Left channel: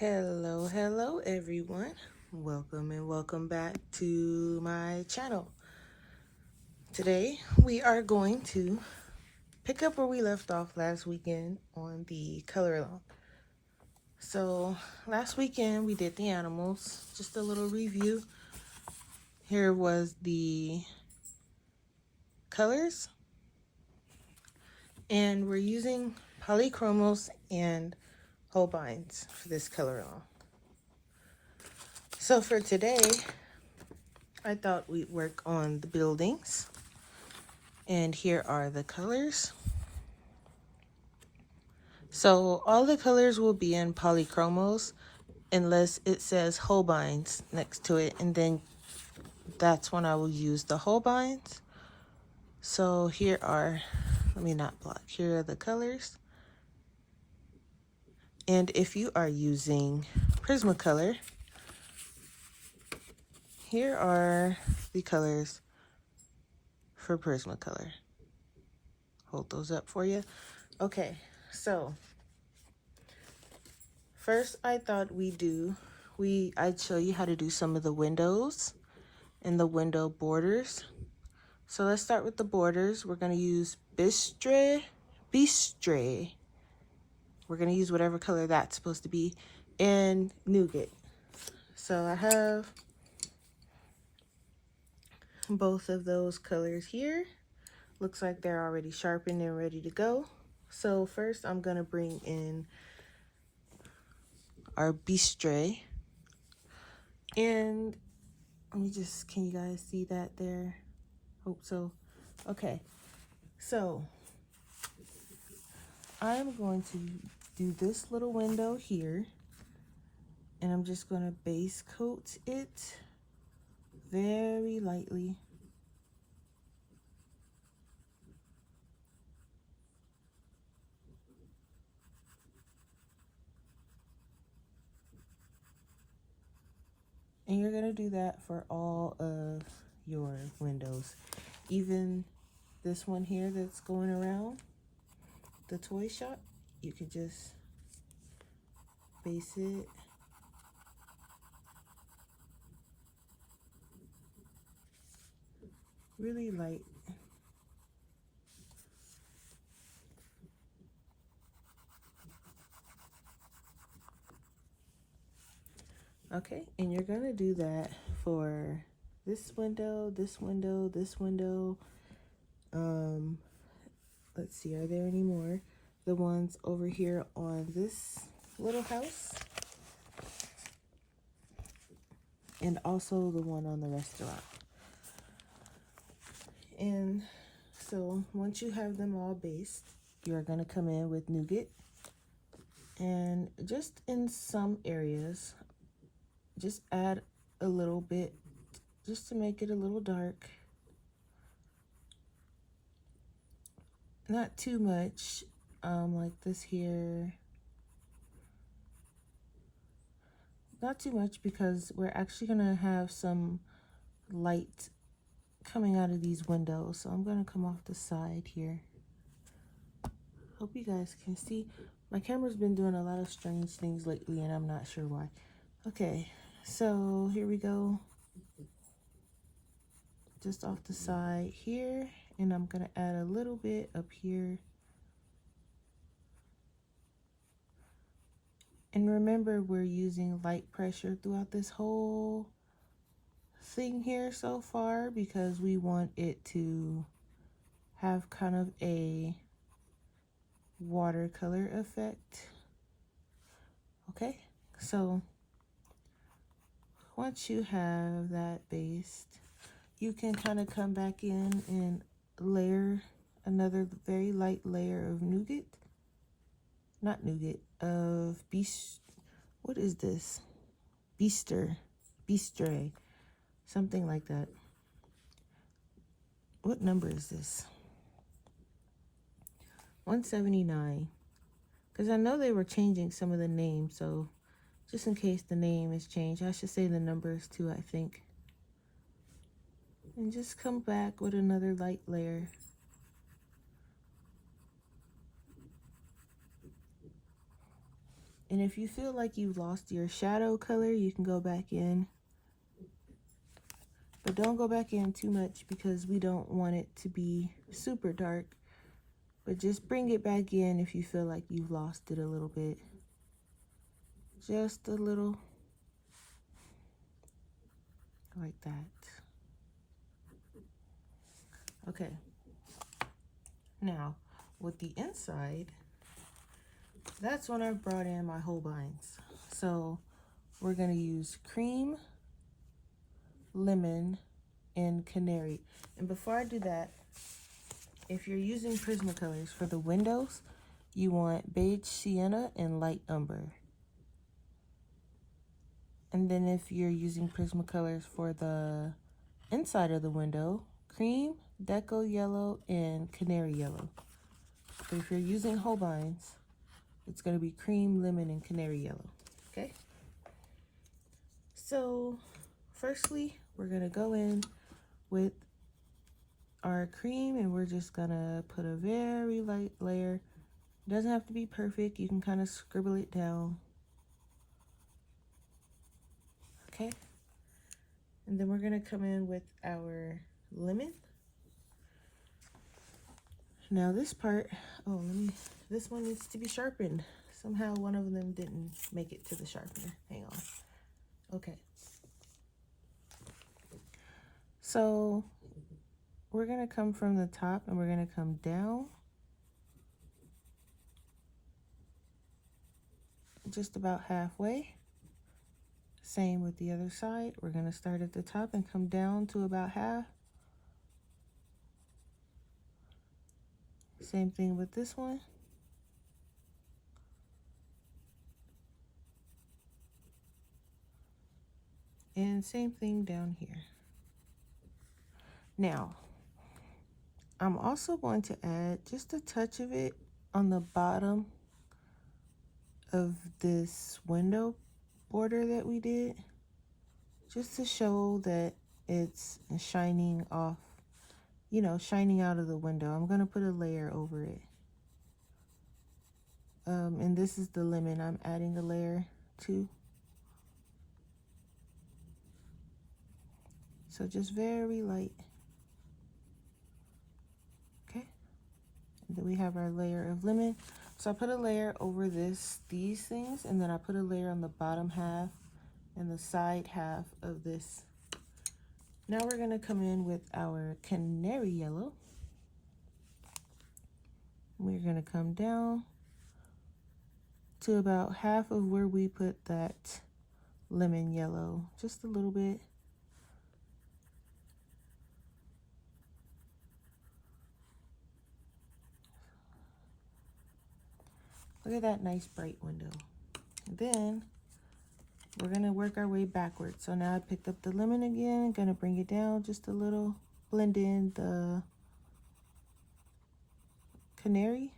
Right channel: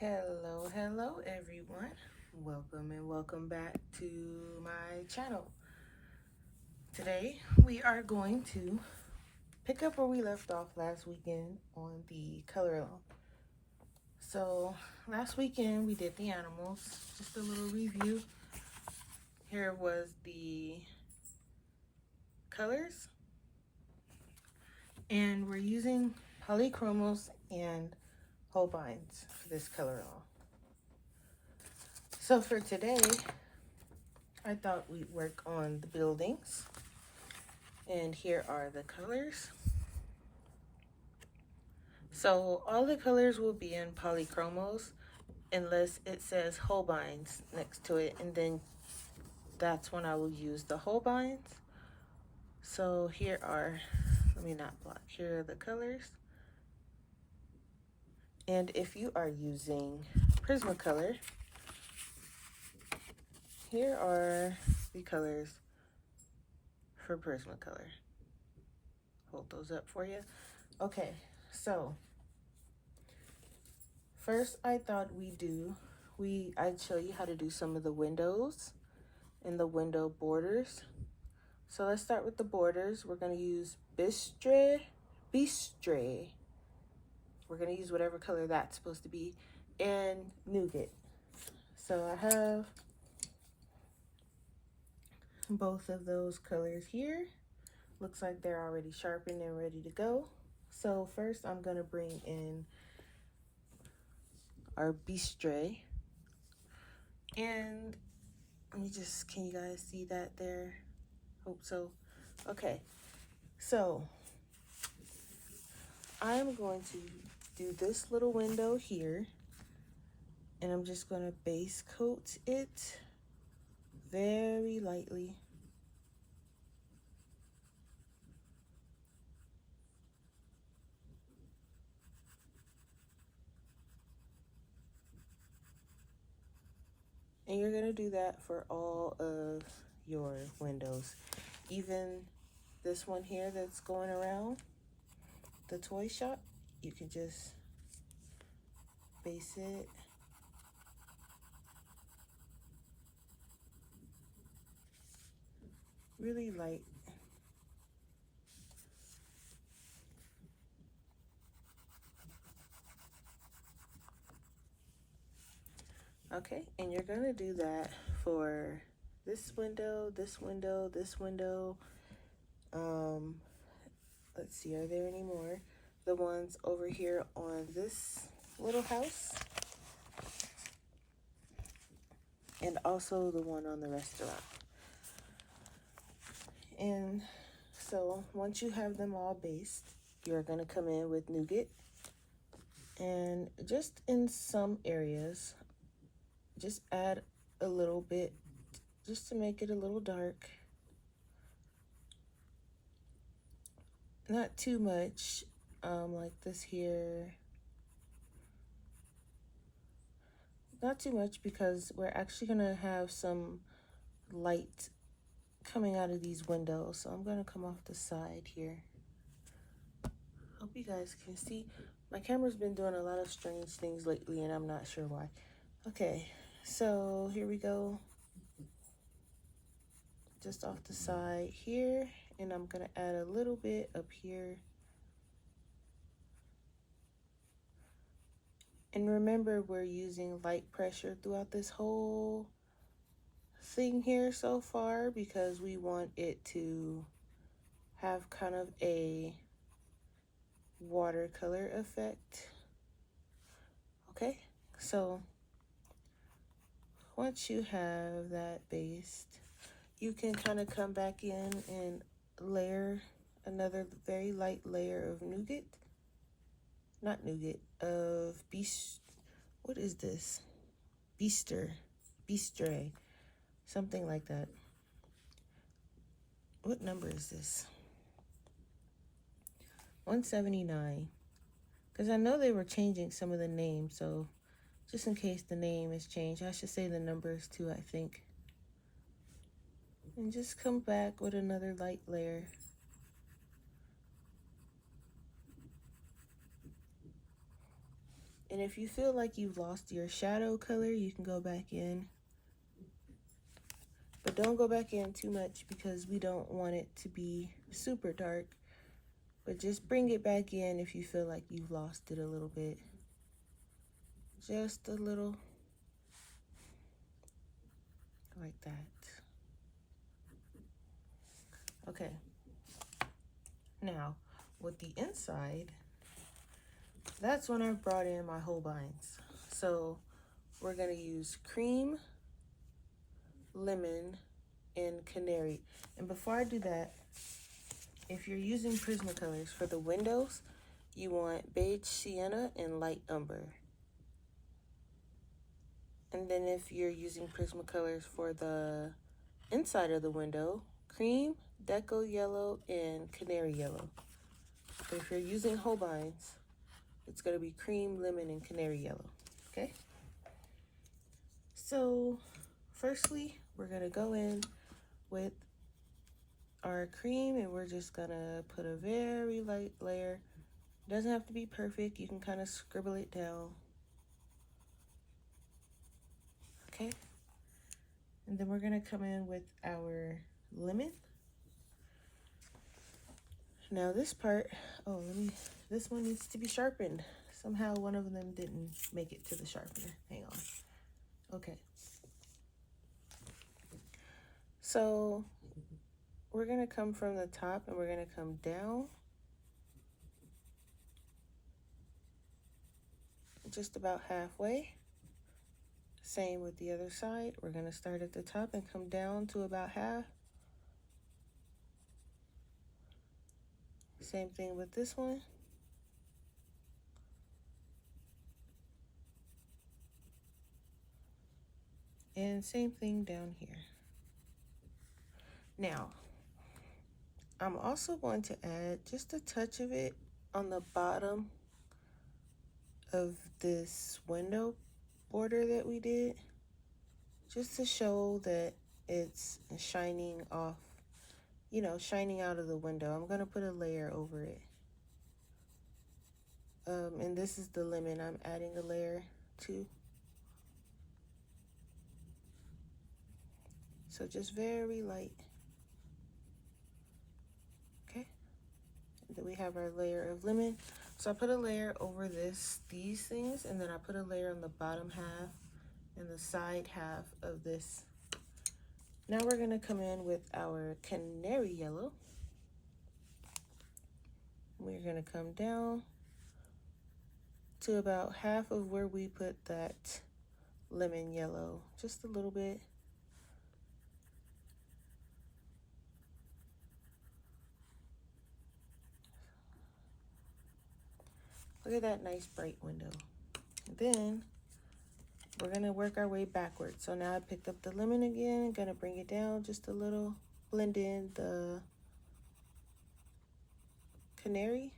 Hello everyone. Welcome and welcome back to my channel. Today we are going to pick up where we left off last weekend on the color along. So last weekend we did the animals, just a little review. Here was the colors, and we're using polychromos and Holbeins for this color along. So for today, I thought we'd work on the buildings, and here are the colors. So all the colors will be in polychromos unless it says Holbeins next to it, and then that's when I will use the Holbeins. So here are, let me not block, here are the colors. And if you are using Prismacolor, here are the colors for Prismacolor. Hold those up for you. Okay, so first I thought I'd show you how to do some of the windows and the window borders. So let's start with the borders. We're gonna use Bistre. We're gonna use whatever color that's supposed to be, and Nougat. So I have both of those colors here. Looks like they're already sharpened and ready to go. So first I'm gonna bring in our Bistre, and let me just, can you guys see that there? Hope so. Okay, so I'm going to do this little window here, and I'm just going to base coat it very lightly. And you're going to do that for all of your windows. Even this one here that's going around the toy shop, you can just base it. Really light. Okay, and you're gonna do that for this window, this window, this window. Let's see, are there any more? The ones over here on this little house, and also the one on the restaurant. And so once you have them all based, you're gonna come in with Nougat, and just in some areas, just add a little bit just to make it a little dark. Not too much, like this here. Not too much, because we're actually gonna have some light coming out of these windows. So I'm gonna come off the side here. Hope you guys can see. My camera's been doing a lot of strange things lately, and I'm not sure why. Okay, so here we go. Just off the side here, and I'm gonna add a little bit up here. And remember, we're using light pressure throughout this whole thing here so far, because we want it to have kind of a watercolor effect. Okay, so once you have that based, you can kind of come back in and layer another very light layer of Nougat. Not Nougat, of what is this? Bistre, something like that. What number is this? 179. Because I know they were changing some of the names, so just in case the name is changed, I should say the numbers too, I think. And just come back with another light layer. And if you feel like you've lost your shadow color, you can go back in. But don't go back in too much because we don't want it to be super dark. But just bring it back in if you feel like you've lost it a little bit. Just a little. Like that. Okay. Now, with the inside, that's when I brought in my Holbeins. So we're going to use cream, lemon, and canary. And before I do that, if you're using Prismacolors for the windows, you want beige sienna and light umber. And then if you're using Prismacolors for the inside of the window, cream, deco yellow, and canary yellow. So if you're using Holbeins, it's going to be cream, lemon, and canary yellow. Okay? So firstly, we're going to go in with our cream, and we're just going to put a very light layer. It doesn't have to be perfect. You can kind of scribble it down. Okay? And then we're going to come in with our lemon. Now this part, this one needs to be sharpened. Somehow one of them didn't make it to the sharpener. Hang on. Okay. So we're going to come from the top and we're going to come down. Just about halfway. Same with the other side. We're going to start at the top and come down to about half. Same thing with this one. And same thing down here. Now, I'm also going to add just a touch of it on the bottom of this window border that we did, just to show that it's shining off, you know, shining out of the window. I'm going to put a layer over it. And this is the lemon I'm adding a layer to. So just very light. Okay. And then we have our layer of lemon. So I put a layer over these things, and then I put a layer on the bottom half and the side half of this. Now we're going to come in with our canary yellow. We're going to come down to about half of where we put that lemon yellow, just a little bit. Look at that nice bright window. Then we're going to work our way backwards. So now I picked up the lemon again, going to bring it down just a little, blend in the canary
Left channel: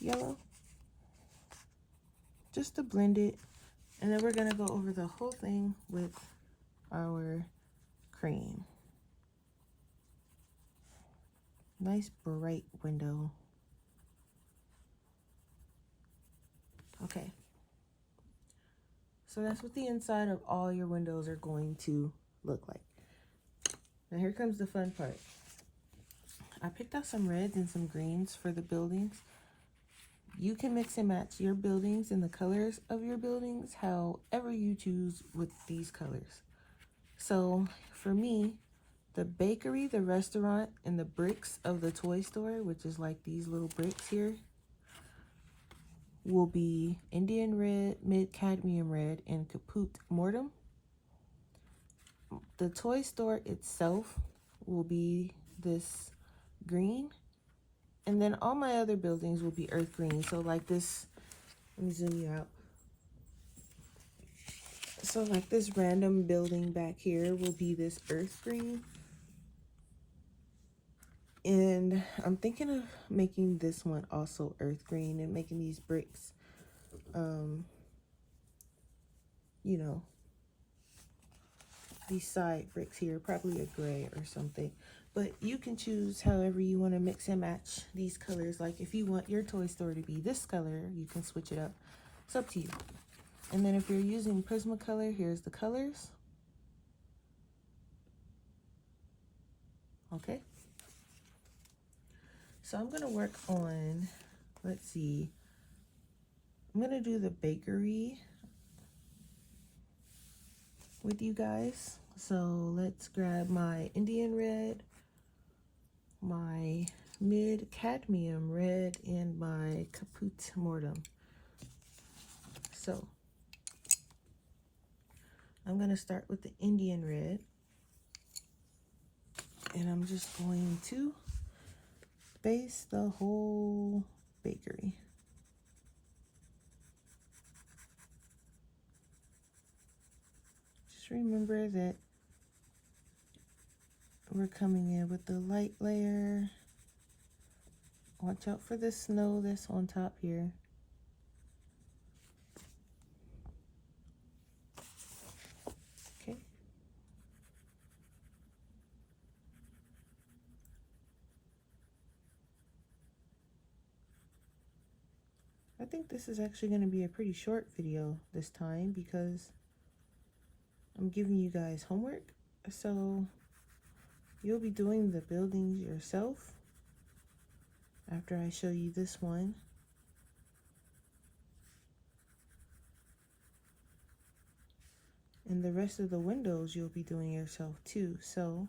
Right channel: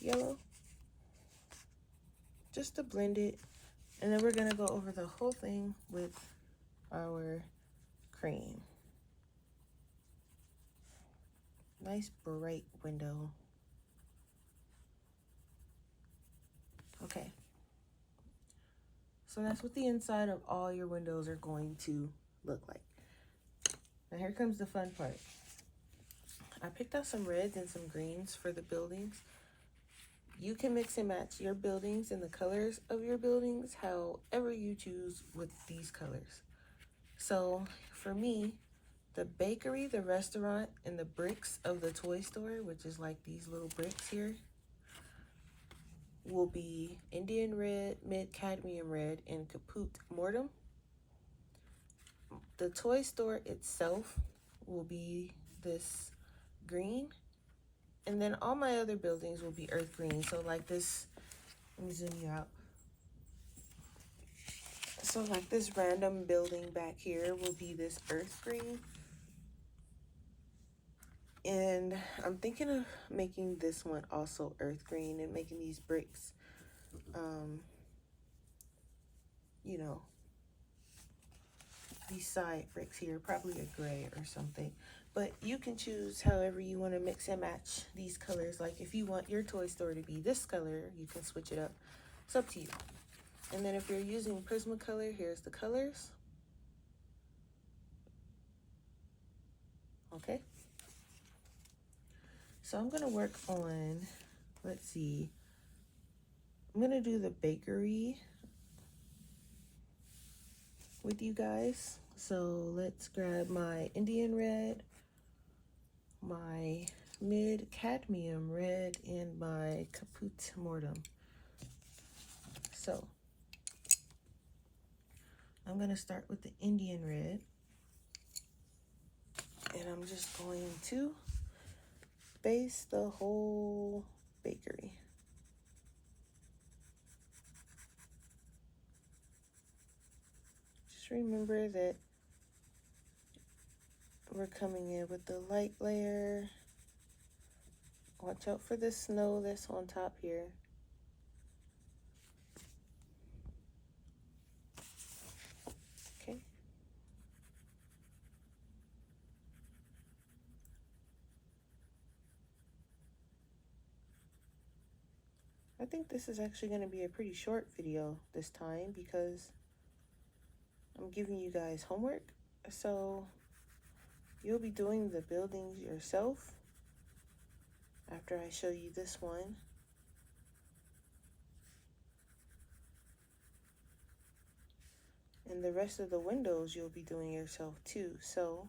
yellow, just to blend it. And then we're going to go over the whole thing with our cream. Nice bright window. Okay. So that's what the inside of all your windows are going to look like. Now here comes the fun part. I picked out some reds and some greens for the buildings. You can mix and match your buildings and the colors of your buildings however you choose with these colors. So for me, the bakery, the restaurant, and the bricks of the toy store, which is like these little bricks here, will be Indian red, mid cadmium red, and caput mortem. The toy store itself will be this green, and then all my other buildings will be earth green. So like this, let me zoom you out. So like this random building back here will be this earth green. And I'm thinking of making this one also earth green and making these bricks, you know, these side bricks here, probably a gray or something. But you can choose however you want to mix and match these colors. Like if you want your toy store to be this color, you can switch it up. It's up to you. And then if you're using Prismacolor, here's the colors. Okay. So I'm gonna work on, let's see, I'm gonna do the bakery with you guys. So let's grab my Indian red, my mid cadmium red, and my caput mortem. So I'm gonna start with the Indian red, and I'm just going to base the whole bakery. Just remember that we're coming in with the light layer. Watch out for the snow that's on top here. Okay. I think this is actually going to be a pretty short video this time because I'm giving you guys homework. So you'll be doing the buildings yourself after I show you this one. And the rest of the windows you'll be doing yourself too. So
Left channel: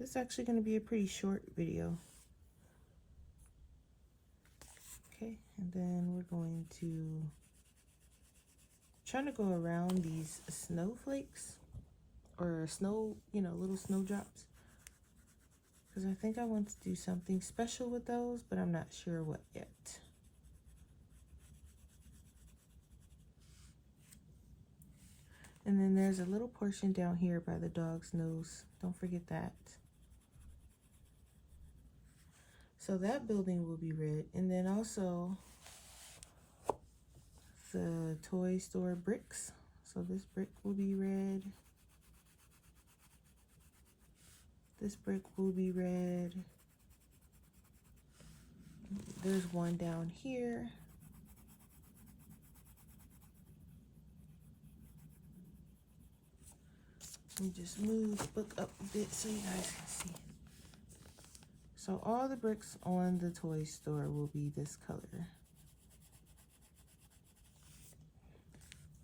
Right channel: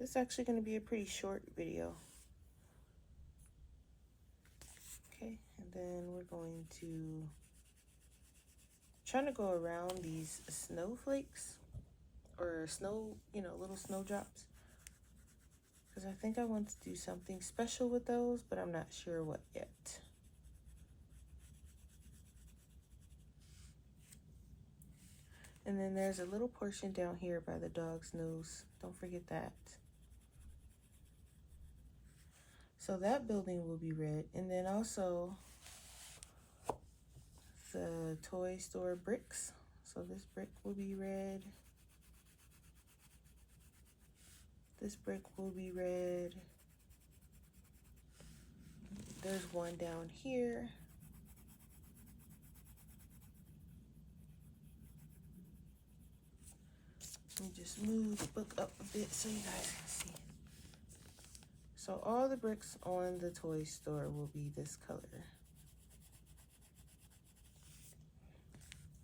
this is actually going to be a pretty short video. Okay, and then we're going to try to go around these snowflakes or snow, little snowdrops. Because I think I want to do something special with those, but I'm not sure what yet. And then there's a little portion down here by the dog's nose. Don't forget that. So that building will be red. And then also the toy store bricks. So this brick will be red. This brick will be red. There's one down here. Let me just move the book up a bit so you guys can see. So all the bricks on the toy store will be this color.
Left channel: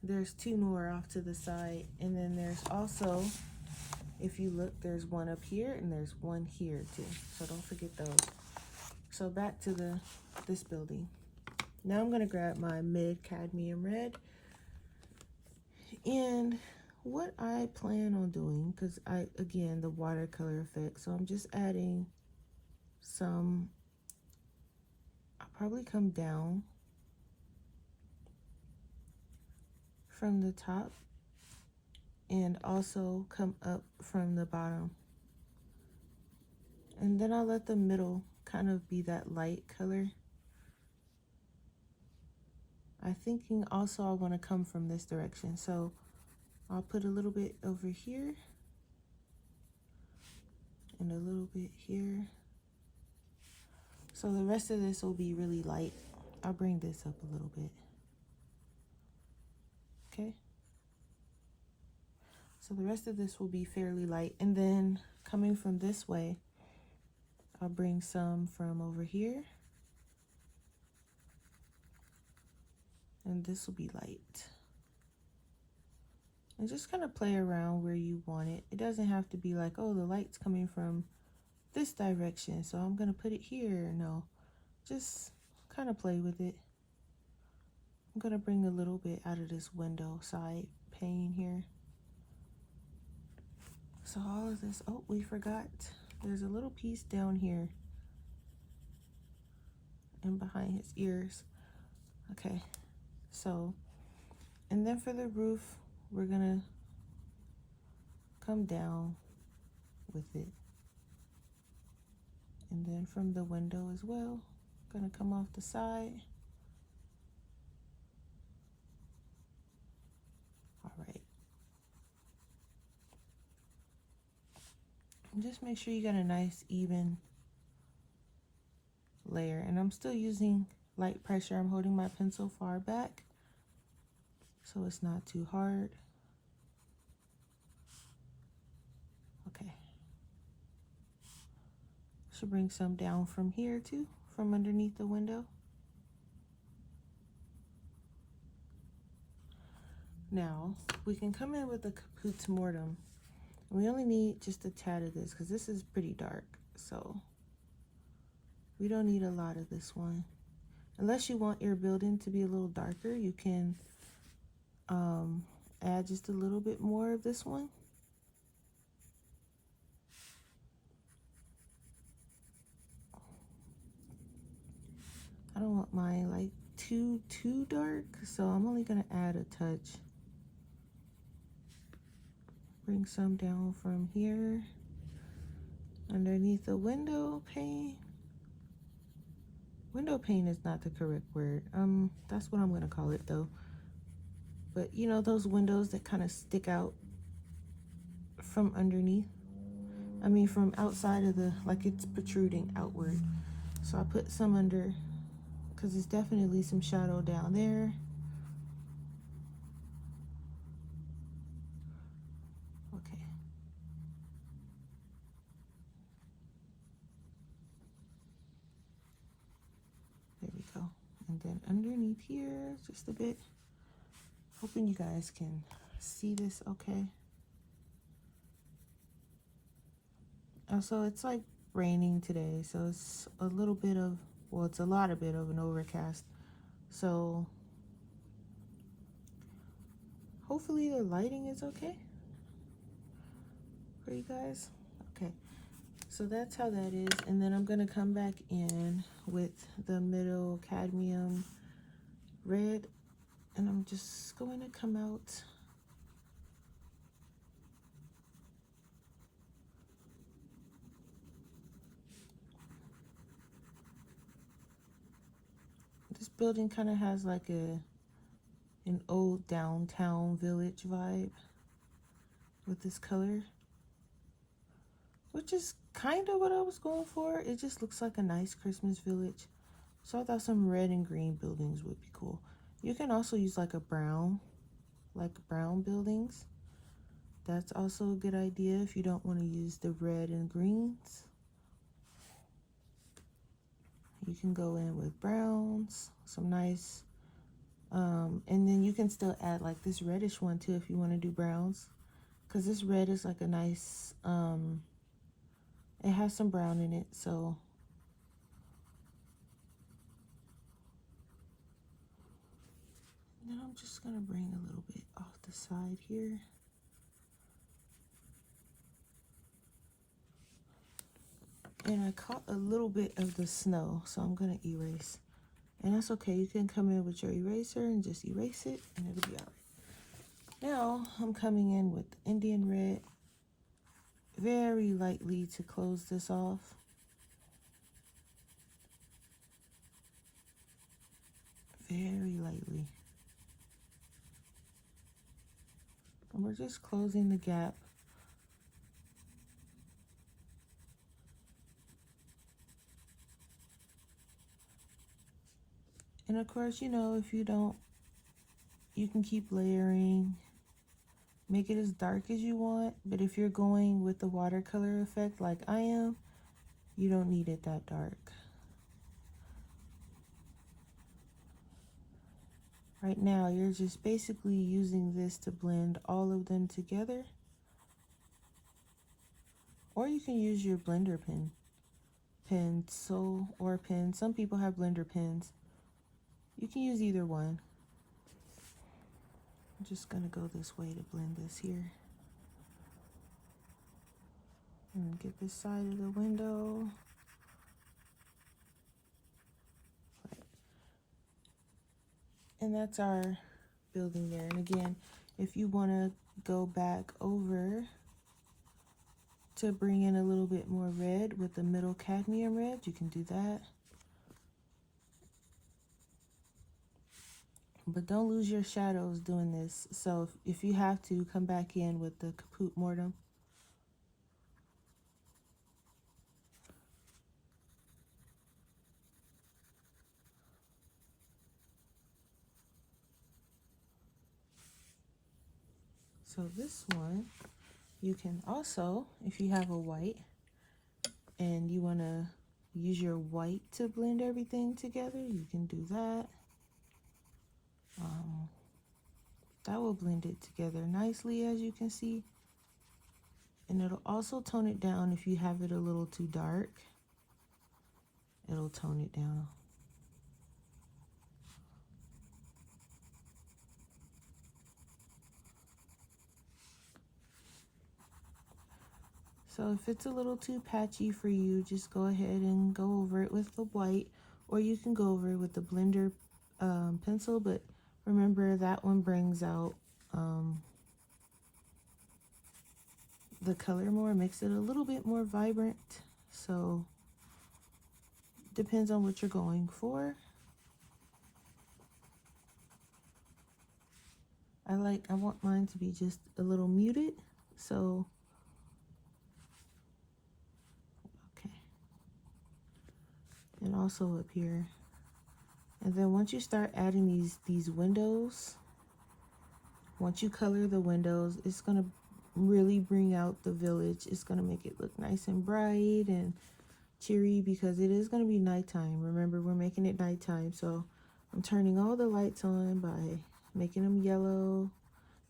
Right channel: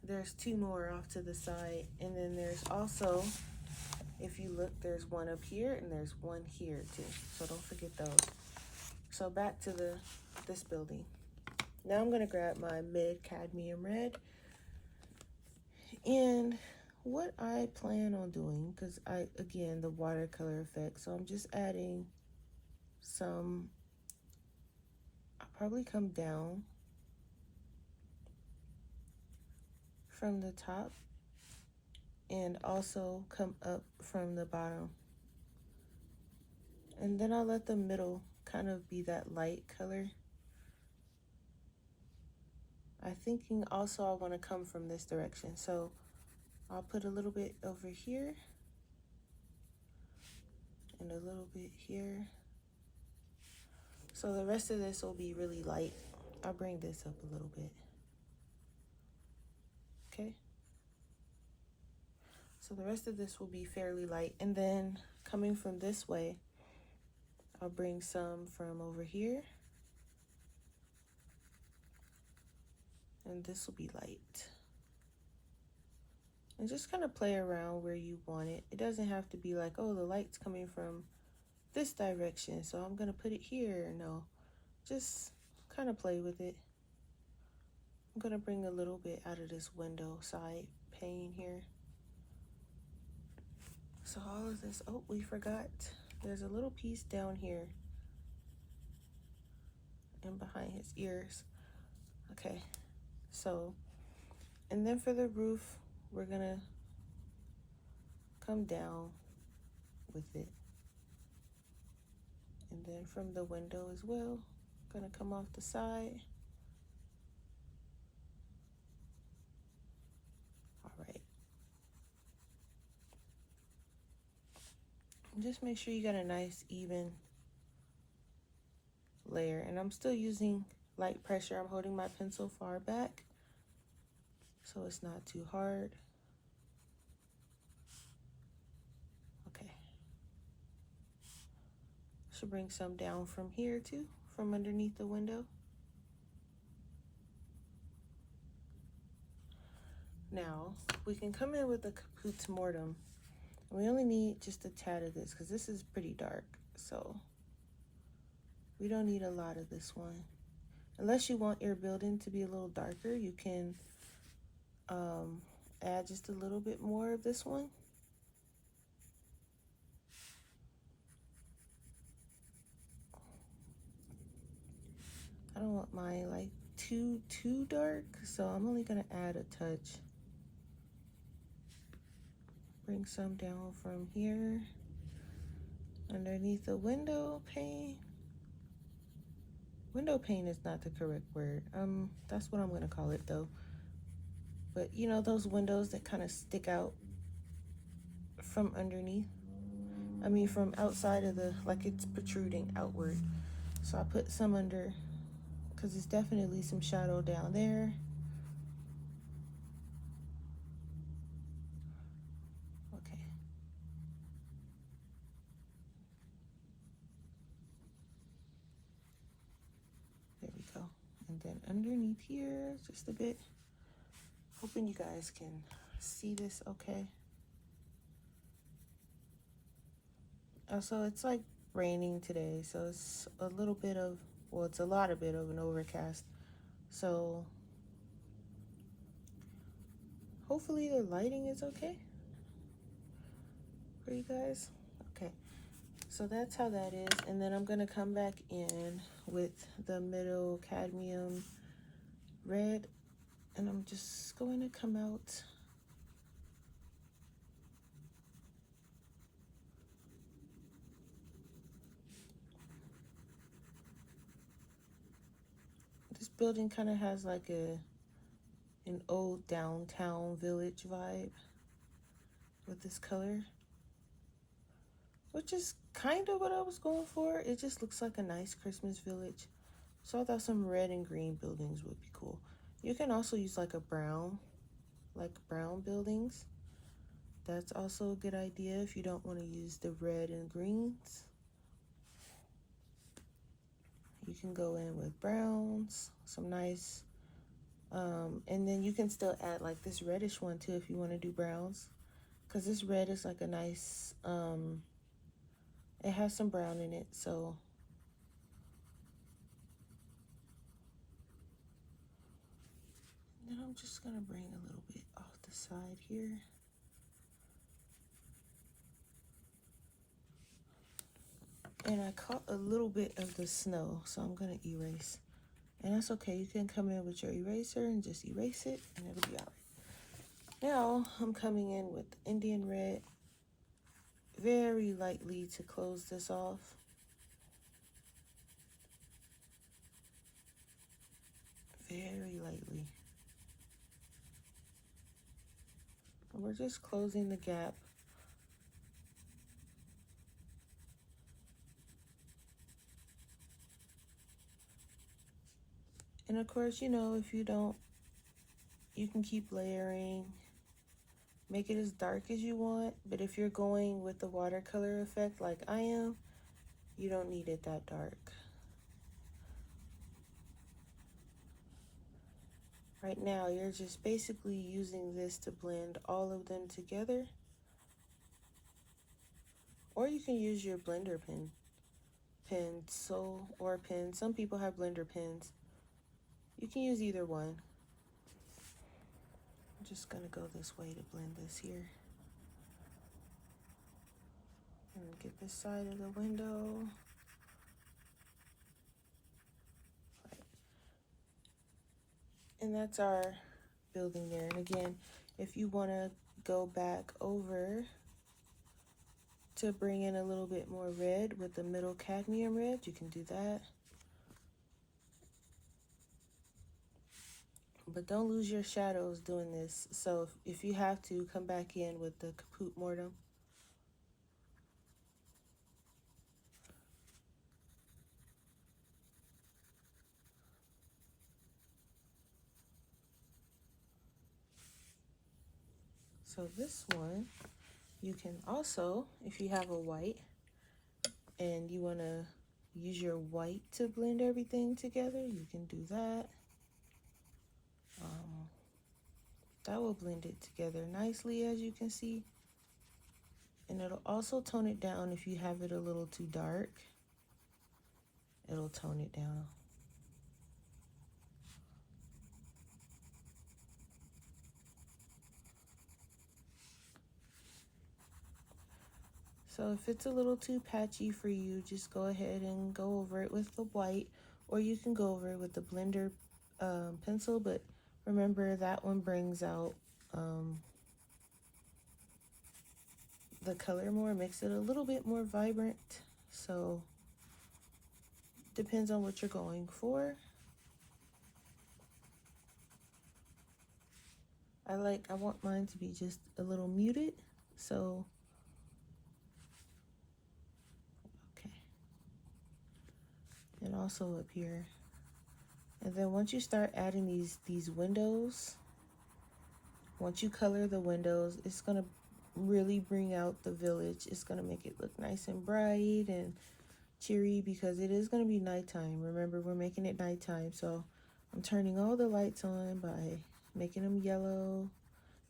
There's two more off to the side, and then there's also, if you look, there's one up here and there's one here too. So don't forget those. So back to this building. Now I'm gonna grab my mid cadmium red, and what I plan on doing, because again, the watercolor effect, so I'm just adding some, I'll probably come down from the top and also come up from the bottom. And then I'll let the middle kind of be that light color. I'm thinking also I want to come from this direction, so I'll put a little bit over here and a little bit here. So the rest of this will be really light. I'll bring this up a little bit. Okay. So the rest of this will be fairly light. And then coming from this way, I'll bring some from over here. And this will be light. And just kind of play around where you want it. It doesn't have to be like, oh, the light's coming from this direction, so I'm gonna put it here. No, just kind of play with it. I'm gonna bring a little bit out of this window side pane here. So all of this, oh, we forgot. There's a little piece down here and behind his ears. Okay, so, and then for the roof, we're gonna come down with it. And then from the window as well, gonna come off the side. All right. And just make sure you got a nice even layer. And I'm still using light pressure. I'm holding my pencil far back so it's not too hard. Okay. Should bring some down from here too, from underneath the window. Now, we can come in with a Caput Mortem. We only need just a tad of this because this is pretty dark, so we don't need a lot of this one. Unless you want your building to be a little darker, you can add just a little bit more of this one. I don't want mine like too dark, so I'm only gonna add a touch. Bring some down from here underneath the window pane. Window pane is not the correct word. That's what I'm gonna call it though. But you know those windows that kind of stick out from underneath? I mean from outside of the, like it's protruding outward. So I put some under, because there's definitely some shadow down there. Okay. There we go. And then underneath here, just a bit. Hoping you guys can see this okay. Also, it's like raining today, so it's a little bit of, well, it's a lot of bit of an overcast. So hopefully the lighting is okay for you guys. Okay, so that's how that is. And then I'm gonna come back in with the middle cadmium red, and I'm just going to come out this building kind of has like an old downtown village vibe with this color, which is kind of what I was going for. It just looks like a nice Christmas village. So I thought some red and green buildings would be cool. You can also use like a brown, like brown buildings. That's also a good idea if you don't want to use the red and greens. You can go in with browns, some nice, and then you can still add like this reddish one too if you want to do browns, because this red is like a nice, it has some brown in it, so. Then I'm just gonna bring a little bit off the side here. And I caught a little bit of the snow, so I'm gonna erase. And that's okay, you can come in with your eraser and just erase it, and it'll be all right. Now, I'm coming in with Indian red, very lightly to close this off. Very lightly. And we're just closing the gap. And of course, you know, if you don't, you can keep layering, make it as dark as you want, but if you're going with the watercolor effect like I am, you don't need it that dark. Right now, you're just basically using this to blend all of them together. Or you can use your blender pencil or pen. Some people have blender pens. You can use either one. I'm just gonna go this way to blend this here. And get this side of the window. And that's our building there. And again, if you want to go back over to bring in a little bit more red with the middle cadmium red, you can do that. But don't lose your shadows doing this. So if you have to, come back in with the Caput Mortem. So this one, you can also, if you have a white and you want to use your white to blend everything together, you can do that. That will blend it together nicely, as you can see. And it'll also tone it down if you have it a little too dark. It'll tone it down. So if it's a little too patchy for you, just go ahead and go over it with the white, or you can go over it with the blender pencil, but remember that one brings out the color more, makes it a little bit more vibrant. So depends on what you're going for. I want mine to be just a little muted, so okay. And also up here. And then once you start adding these windows, once you color the windows, it's gonna really bring out the village. It's gonna make it look nice and bright and cheery, because it is gonna be nighttime. Remember, we're making it nighttime, so I'm turning all the lights on by making them yellow,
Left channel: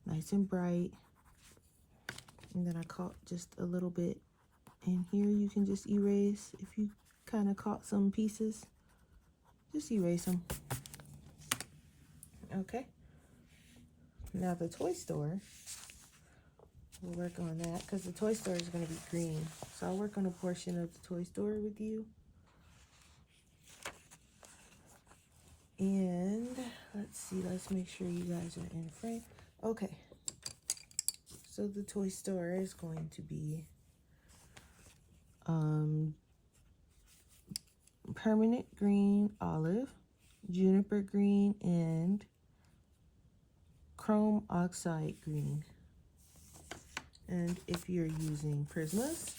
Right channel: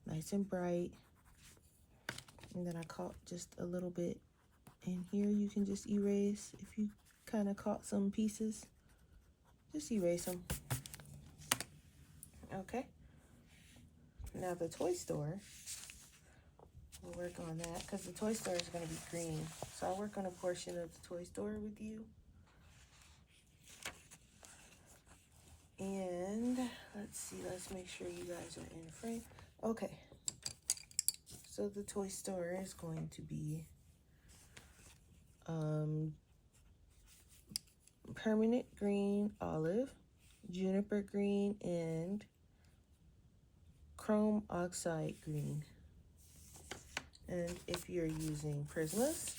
nice and bright. And then I caught just a little bit in here. You can just erase if you kind of caught some pieces. Just erase them. Okay. Now the toy store, we'll work on that because the toy store is going to be green. So I'll work on a portion of the toy store with you. And let's see, let's make sure you guys are in frame. Okay. So the toy store is going to be permanent green, olive, juniper green, and chrome oxide green. And if you're using Prismas,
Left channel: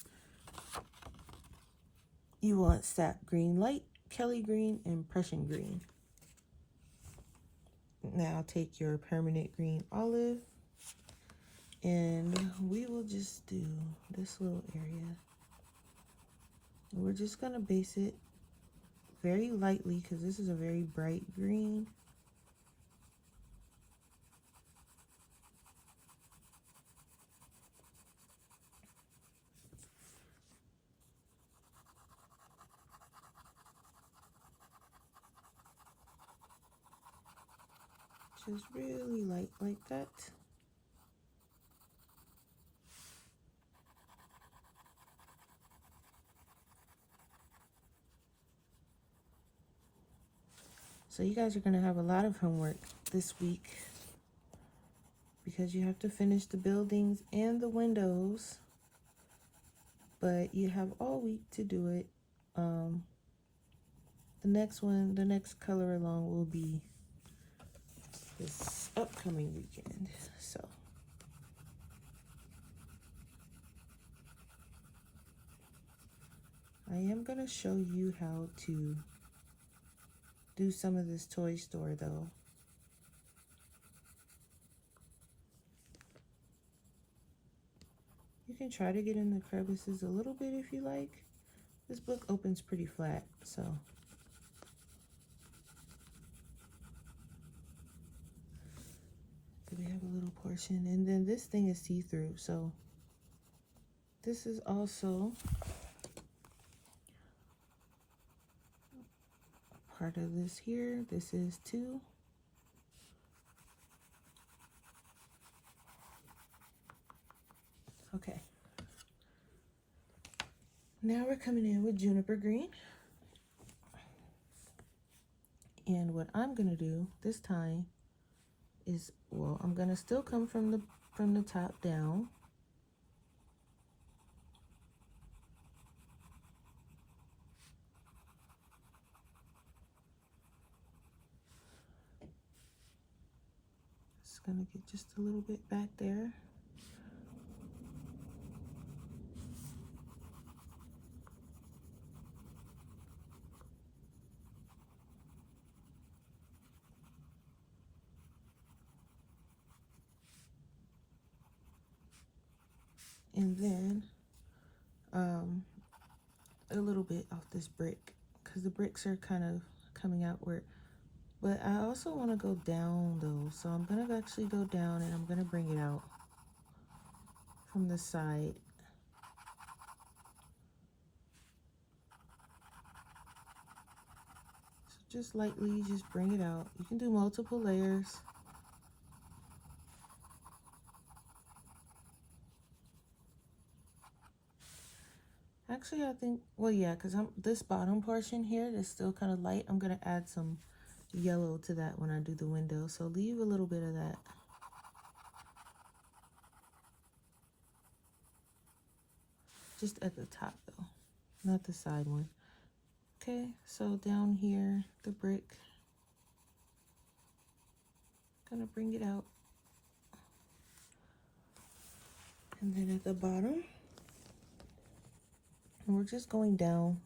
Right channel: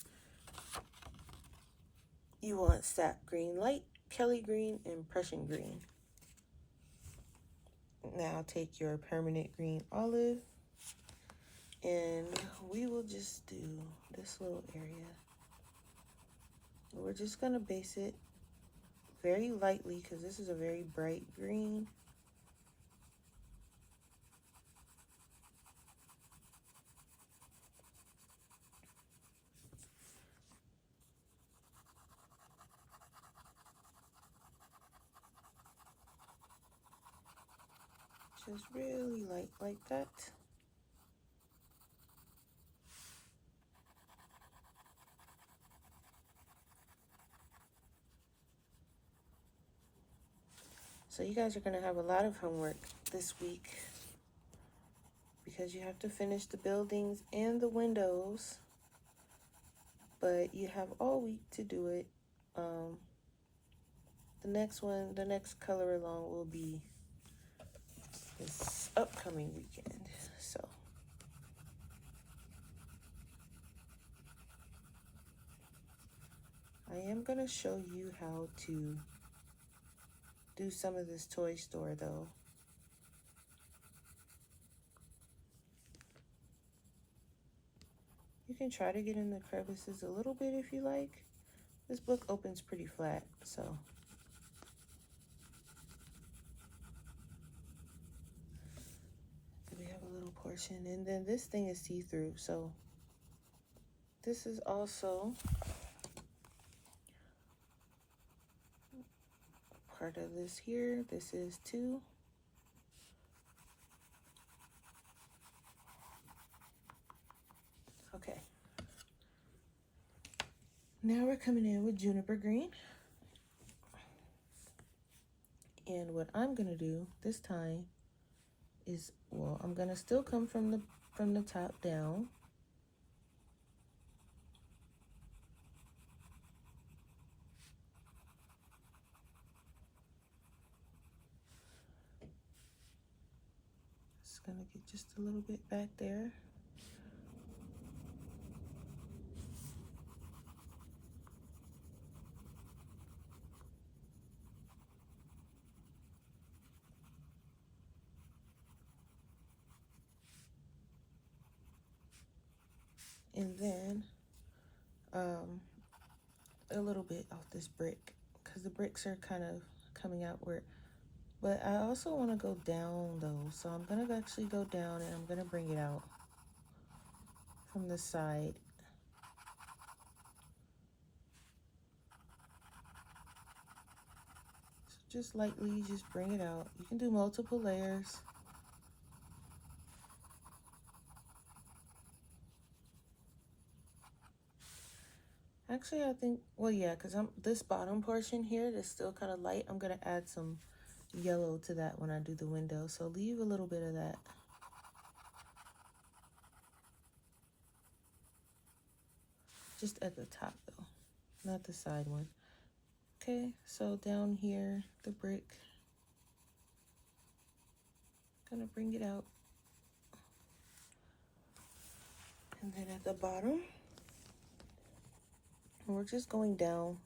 you want sap green light, Kelly green, and Prussian green. Now take your permanent green olive, and we will just do this little area. And we're just gonna base it very lightly because this is a very bright green. Just really light like that. So you guys are going to have a lot of homework this week because you have to finish the buildings and the windows, but you have all week to do it. The next color along will be this upcoming weekend. So I am going to show you how to do some of this toy store though. You can try to get in the crevices a little bit if you like. This book opens pretty flat, so. We have a little portion, and then this thing is see-through, so this is also part of this here. This is too. Okay. Now we're coming in with juniper green. And what I'm gonna do this time is, well, I'm gonna still come from the top down. Just gonna get just a little bit back there. And then a little bit off this brick, because the bricks are kind of coming outward. But I also want to go down though, so I'm going to actually go down and I'm going to bring it out from the side. So just lightly, just bring it out. You can do multiple layers. Actually, I think, well, yeah, because this bottom portion here is still kind of light. I'm going to add some yellow to that when I do the window. So leave a little bit of that. Just at the top though, not the side one. Okay, so down here, the brick, gonna bring it out. And then at the bottom, we're just going down.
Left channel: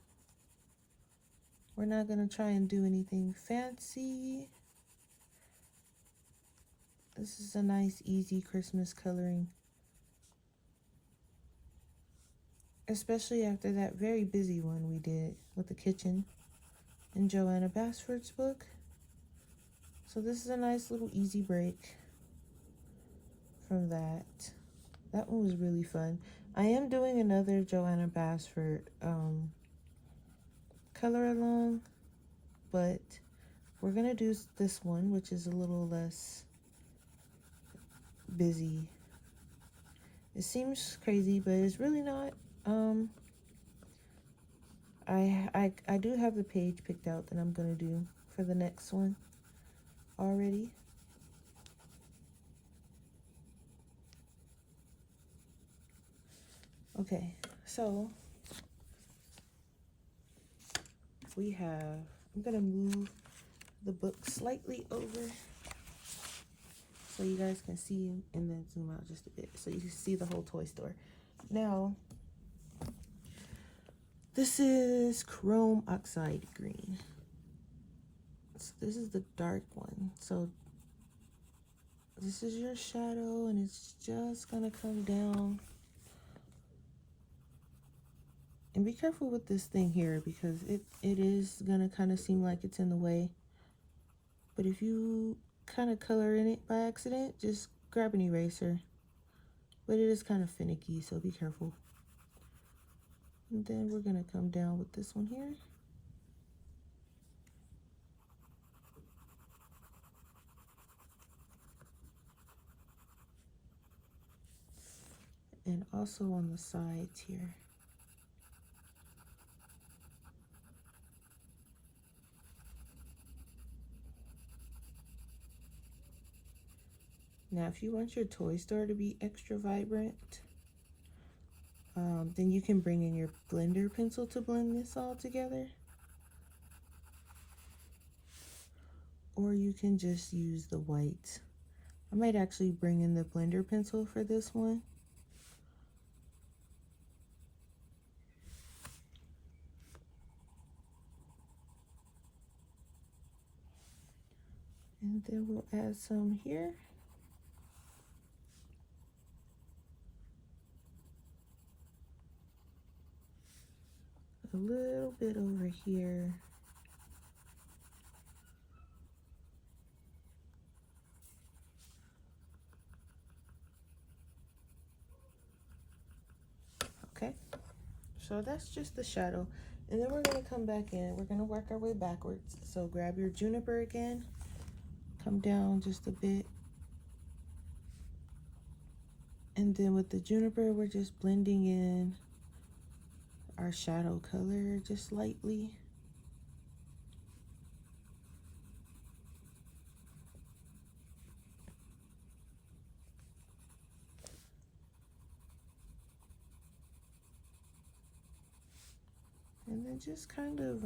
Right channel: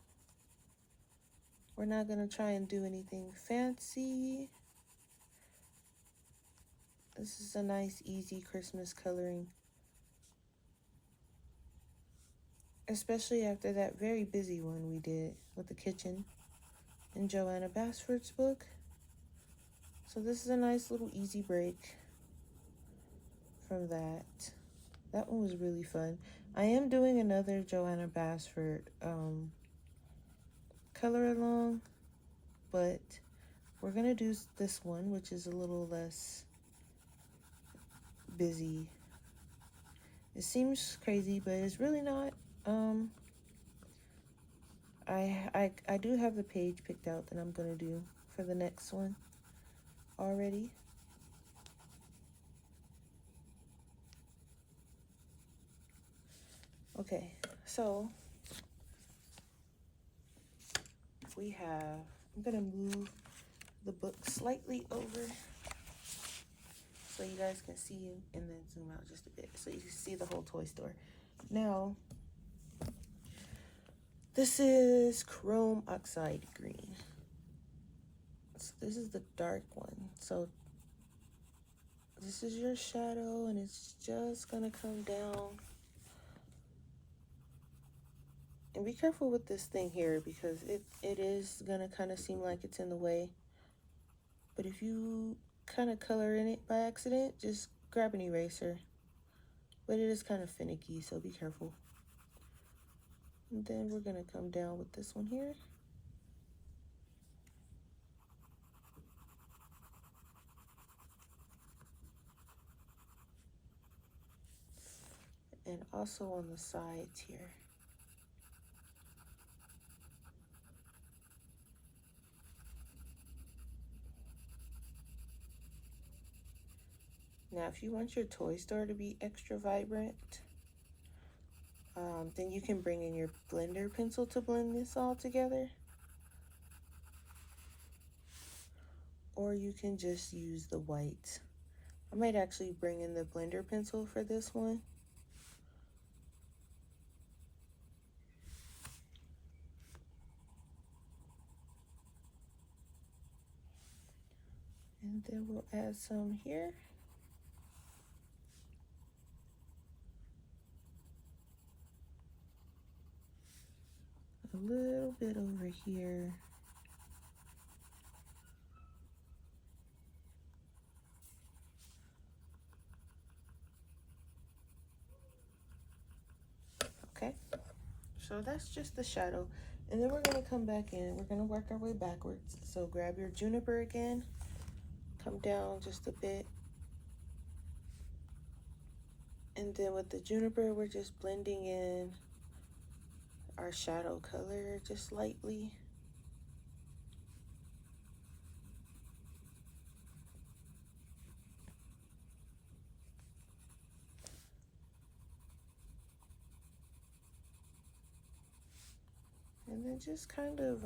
We're not gonna try and do anything fancy. This is a nice, easy Christmas coloring. Especially after that very busy one we did with the kitchen in Joanna Basford's book. So this is a nice little easy break from that. That one was really fun. I am doing another Joanna Basford color along, but we're gonna do this one, which is a little less busy. It seems crazy, but it's really not. I do have the page picked out that I'm gonna do for the next one already. Okay, so we have, I'm gonna move the book slightly over so you guys can see, and then zoom out just a bit so you can see the whole toy store. Now, this is chrome oxide green. So this is the dark one. So this is your shadow, and it's just gonna come down. And be careful with this thing here, because it is gonna kind of seem like it's in the way. But if you kind of color in it by accident, just grab an eraser. But it is kind of finicky, so be careful. And then we're gonna come down with this one here. And also on the sides here. Now, if you want your toy store to be extra vibrant, then you can bring in your blender pencil to blend this all together. Or you can just use the white. I might actually bring in the blender pencil for this one. And then we'll add some here. A little bit over here. Okay, so that's just the shadow. And then we're gonna come back in. We're gonna work our way backwards. So grab your juniper again, come down just a bit. And then with the juniper, we're just blending in our shadow color just lightly. And then just kind of,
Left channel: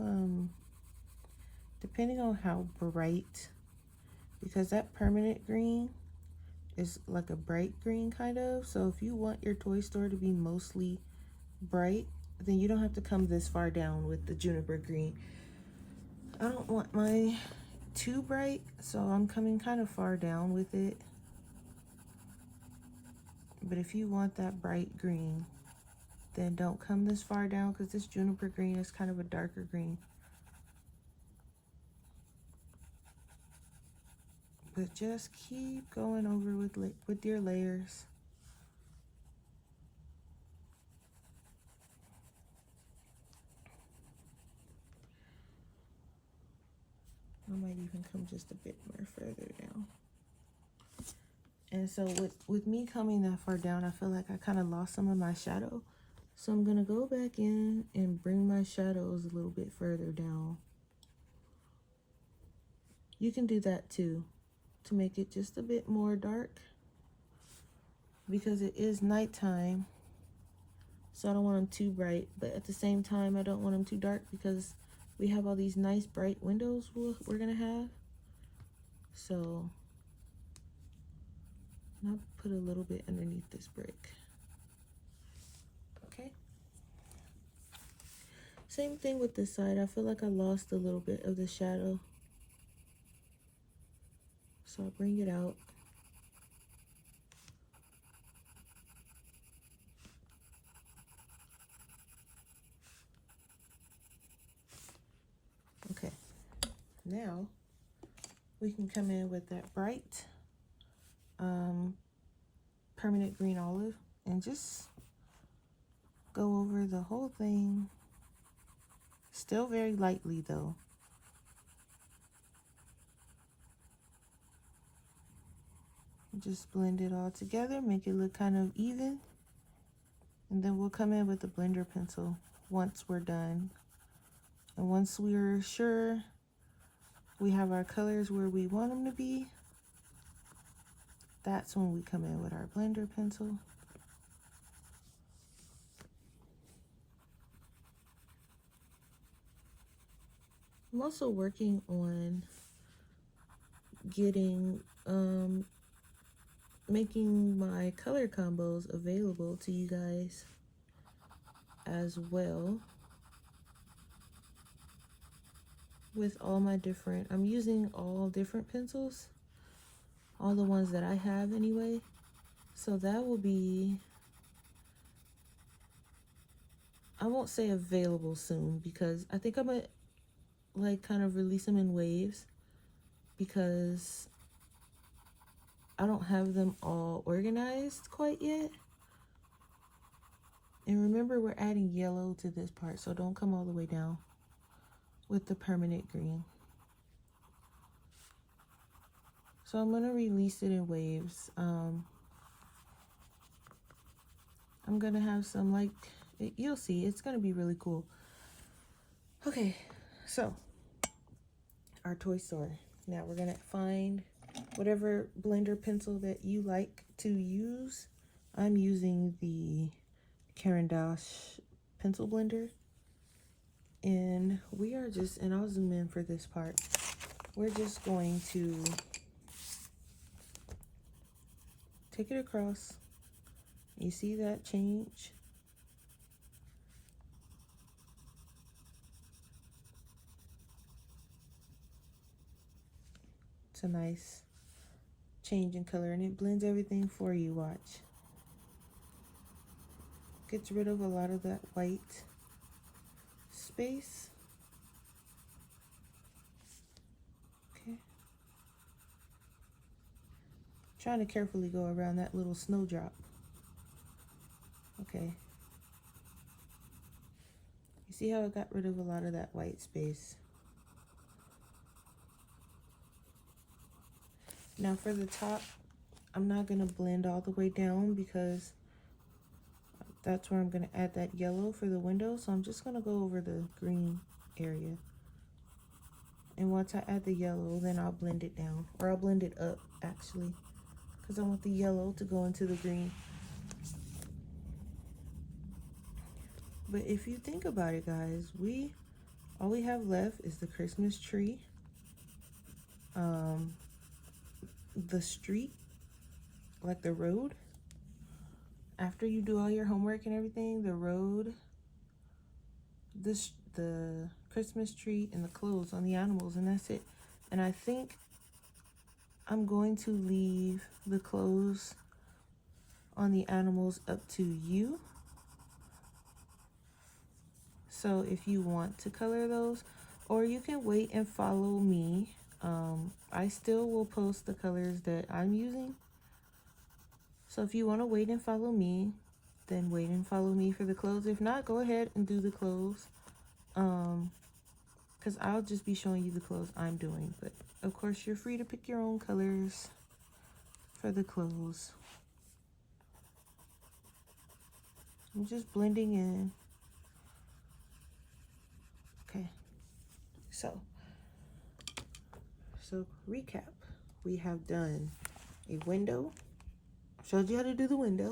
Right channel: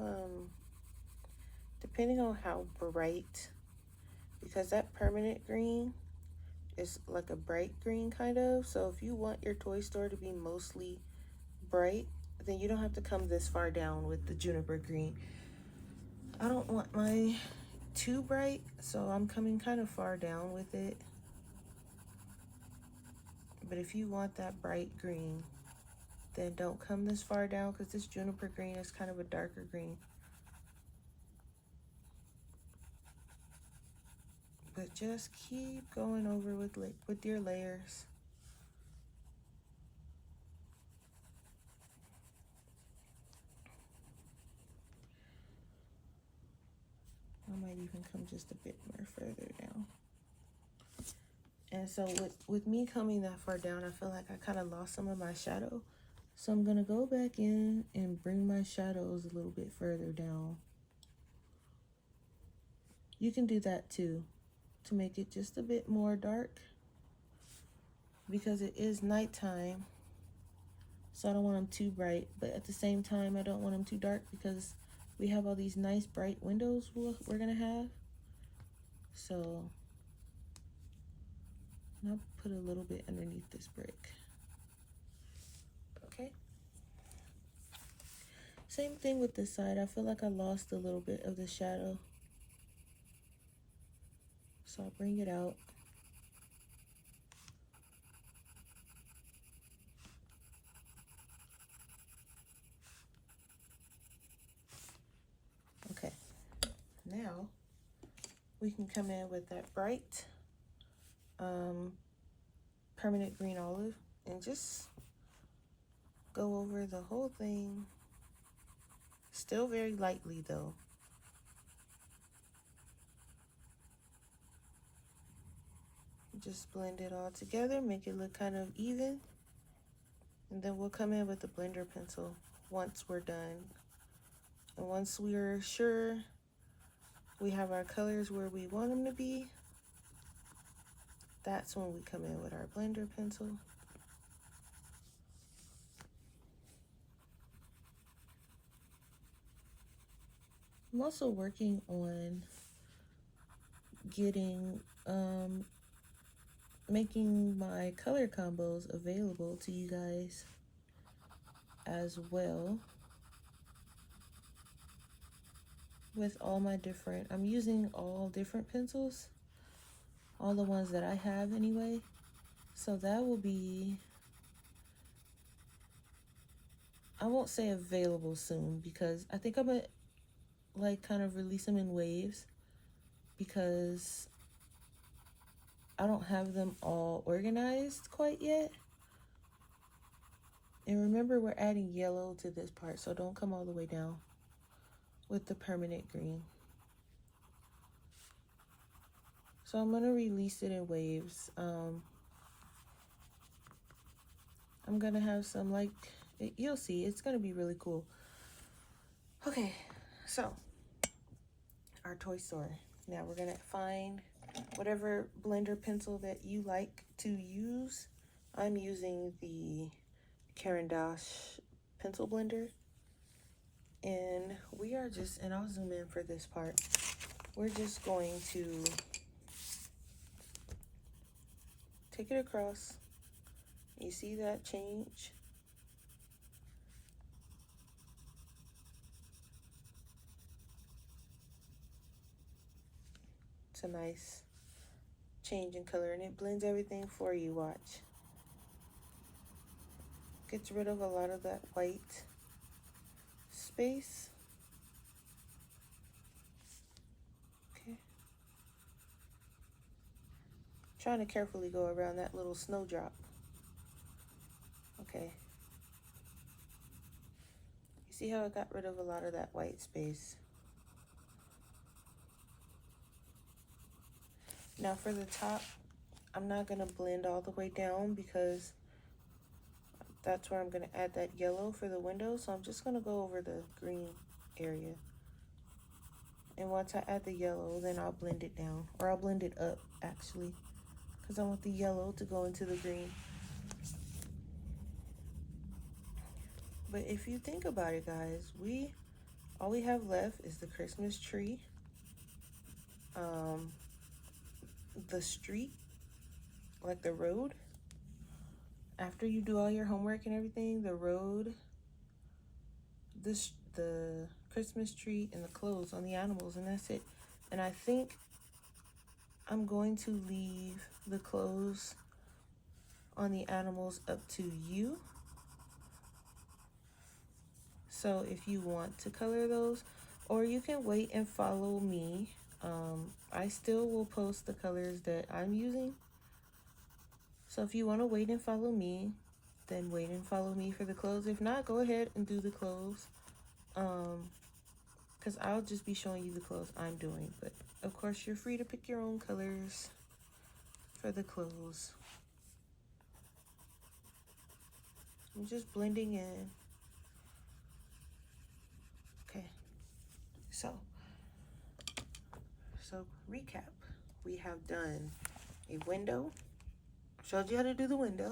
depending on how bright, because that permanent green is like a bright green kind of. So if you want your toy store to be mostly bright, then you don't have to come this far down with the juniper green. I don't want mine too bright, so I'm coming kind of far down with it. But if you want that bright green, then don't come this far down, because this juniper green is kind of a darker green. But just keep going over with your layers. I might even come just a bit more further down. And so with me coming that far down, I feel like I kind of lost some of my shadow. So I'm gonna go back in and bring my shadows a little bit further down. You can do that too, to make it just a bit more dark, because it is nighttime. So I don't want them too bright, but at the same time, I don't want them too dark, because we have all these nice bright windows we're gonna have. So I'll put a little bit underneath this brick. Okay. Same thing with this side. I feel like I lost a little bit of the shadow. So I'll bring it out. Okay. Now we can come in with that bright permanent green olive and just go over the whole thing. Still very lightly though. Just blend it all together, make it look kind of even. And then we'll come in with the blender pencil once we're done. And once we're sure we have our colors where we want them to be, that's when we come in with our blender pencil. I'm also working on getting, making my color combos available to you guys as well. With all my different, I'm using all different pencils, all the ones that I have anyway. So that will be, I won't say available soon, because I think I'm gonna like kind of release them in waves, because I don't have them all organized quite yet. And remember, we're adding yellow to this part, so don't come all the way down with the permanent green. So I'm gonna release it in waves. I'm gonna have some, like, you'll see, it's gonna be really cool. Okay, so our toy store. Now we're gonna find whatever blender pencil that you like to use. I'm using the Caran d'Ache pencil blender. And we are just, and I'll zoom in for this part. We're just going to take it across. You see that change? It's a nice change in color, and it blends everything for you, watch. Gets rid of a lot of that white space. Okay. Trying to carefully go around that little snowdrop. Okay. You see how it got rid of a lot of that white space? Now for the top, I'm not gonna blend all the way down, because that's where I'm gonna add that yellow for the window. So I'm just gonna go over the green area. And once I add the yellow, then I'll blend it down, or I'll blend it up actually, because I want the yellow to go into the green. But if you think about it, guys, all we have left is the Christmas tree, the street, like the road. After you do all your homework and everything, the road, the Christmas tree, and the clothes on the animals, and that's it. And I think I'm going to leave the clothes on the animals up to you. So if you want to color those, or you can wait and follow me. I still will post the colors that I'm using. So if you want to wait and follow me, then wait and follow me for the clothes. If not, go ahead and do the clothes. Because I'll just be showing you the clothes I'm doing. But of course, you're free to pick your own colors for the clothes. I'm just blending in. Okay, so recap. We have done a window, showed you how to do the window,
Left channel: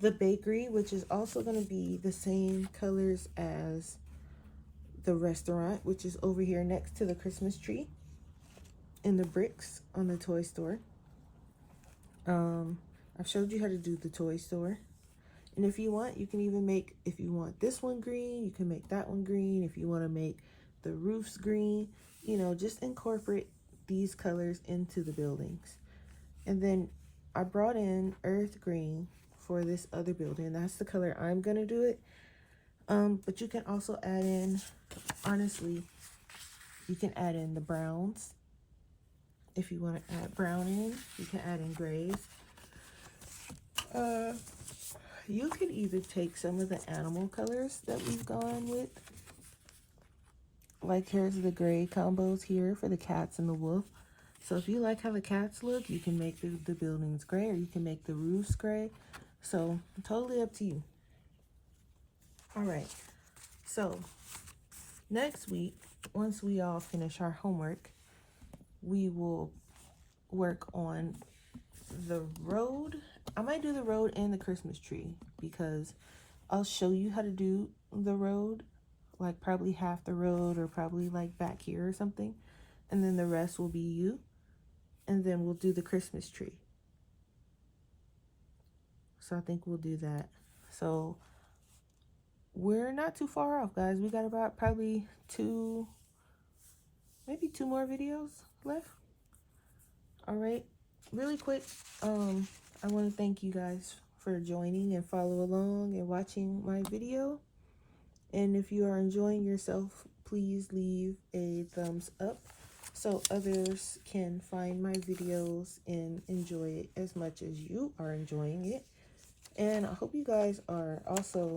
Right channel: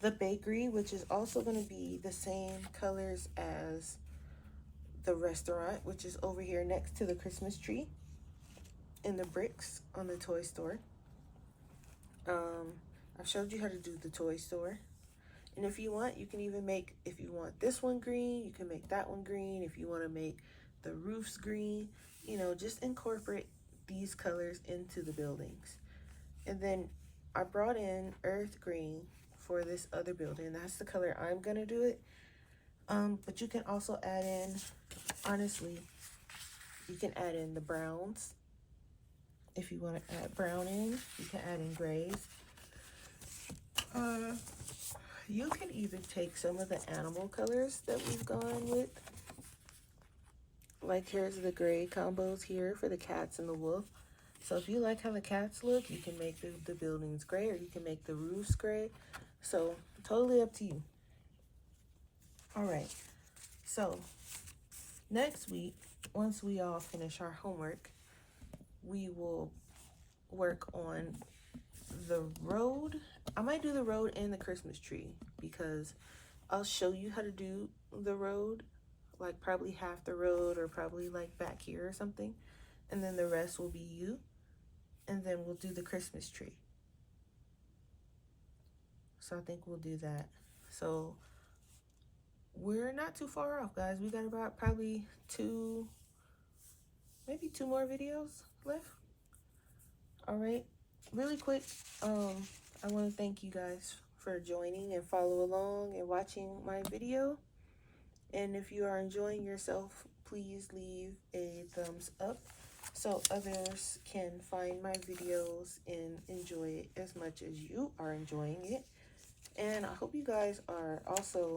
the bakery, which is also going to be the same colors as the restaurant, which is over here next to the Christmas tree, and the bricks on the toy store. I've showed you how to do the toy store. And if you want, you can even make, if you want this one green, you can make that one green. If you want to make the roofs green, you know, just incorporate these colors into the buildings. And then I brought in earth green for this other building. That's the color I'm gonna do it. But you can also add in, honestly, you can add in the browns. If you want to add brown in, you can add in grays. You could even take some of the animal colors that we've gone with. Like here's the gray combos here for the cats and the wolf. So if you like how the cats look, you can make the buildings gray, or you can make the roofs gray. So totally up to you. All right, so next week, once we all finish our homework, we will work on the road. I might do the road and the Christmas tree, because I'll show you how to do the road, like probably half the road, or probably like back here or something, and then the rest will be you, and then we'll do the Christmas tree. So I think we'll do that. So we're not too far off, guys. We got about probably maybe two more videos left. All right, really quick, I want to thank you guys for joining and follow along and watching my video. And if you are enjoying yourself, please leave a thumbs up so others can find my videos and enjoy it as much as you are enjoying it. And I hope you guys are also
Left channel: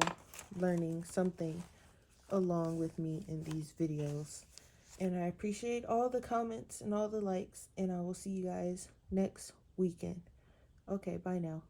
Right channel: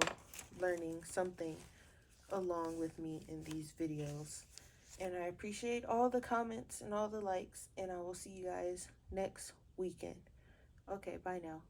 learning something along with me in these videos. And I appreciate all the comments and all the likes, and I will see you guys next weekend. Okay, bye now.